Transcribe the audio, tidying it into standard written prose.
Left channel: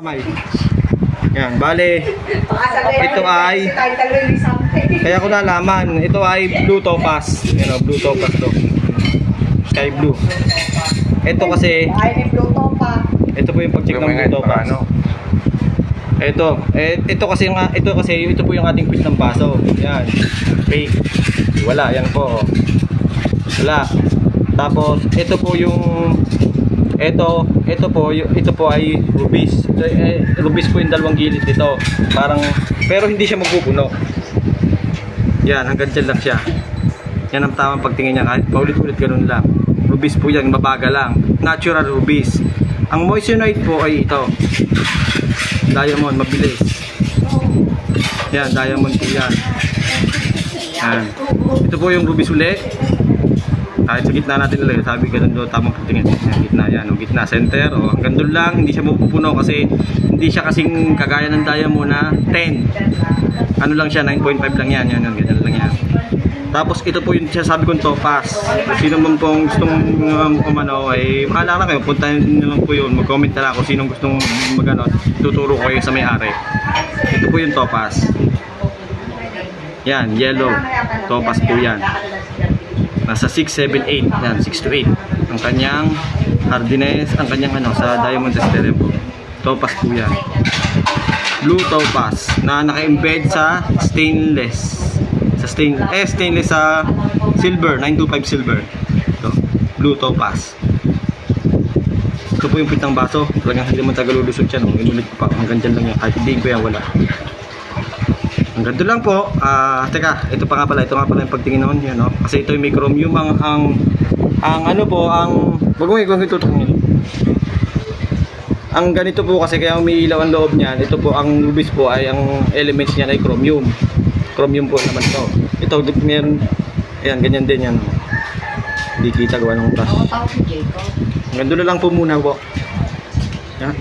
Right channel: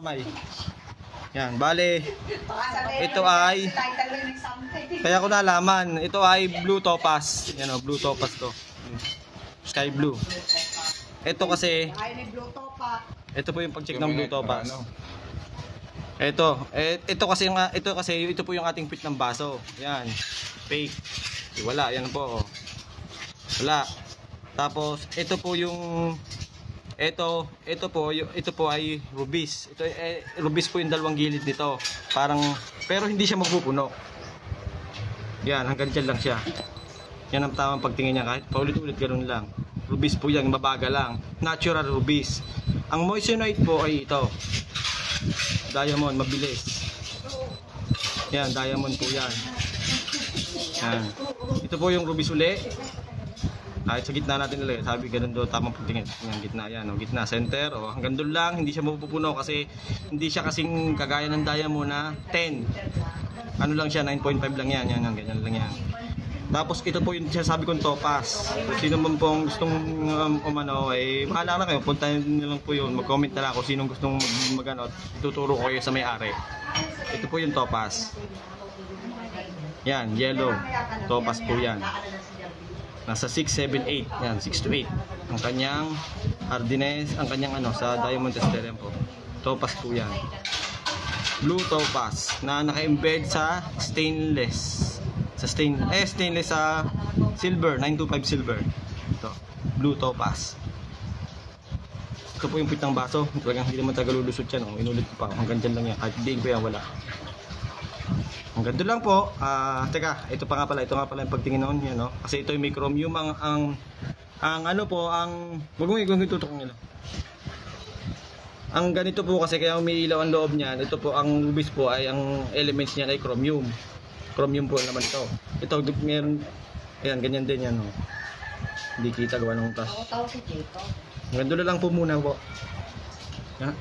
Kamay. Yan, bale. Ito ay kaya ko nalaman, ito ay blue topaz. Yan o, blue topaz to. Sky blue. Ito kasi ito po yung pag-check ng blue topaz. Ito po yung ating quiz ng baso. Yan. Fake. Wala, yan po. Wala. Tapos ito po yung ito po ay rubis. Rubis po yung dalawang gilid nito. Parang pero hindi siya magpupuno. Yan, hanggang dyan lang siya. Yan ang tamang pagtingin niya, kahit paulit-ulit ganun lang. Rubis po yan, mabaga lang. Natural rubis. Ang moissanite po ay ito. Diamond, mabilis. Yan, diamond po yan. Yan. Ito po yung rubis uli. Kahit sa gitna natin nilagay, sabi ganun doon, tamang pagtingin. Yan, gitna yan, o gitna, center, o hanggang doon lang, hindi siya mapupuno kasi hindi siya kasing kagaya ng diamond na 10. Ano lang siya, 9.5 lang yan, yan, ganyan lang yan. Tapos ito po yung sabi kong topaz. Sino man pong gustong umano ay makala lang kayo, puntahan nyo lang po yun, mag-comment na lang kung sinong gustong magano, tuturo ko kayo sa may-ari. Ito po yung topaz. Yan, yellow, topaz po yan. Nasa 6, 7, 8, yan, 6 to 8 ang kanyang hardiness, ang kanyang sa diamond tester po. Topaz po yan. Blue topaz na naka-embed sa stainless. Stainless sa silver, 925 silver. Ito, blue topaz. Ito po yung pitang baso. Talagang hindi mo tagalulusot yan. Inulit ko pa. Hanggang dyan lang yan. Kahit hindi ko yan, wala. Hanggang doon lang po. Teka, ito pa nga pala. Ito nga pala yung pagtingin noon. Yun, no? Kasi ito yung may chromium. Wag mo itutungin. Ang ganito po kasi kaya umiilaw ang loob niyan. Ito po, ang rubis po ay ang elements niya ay chromium. Chromium po naman ito. Ito, meron. Ayan, ganyan din yan. Hindi kita gawa ng brush. Hanggang doon lang po muna po. Yan.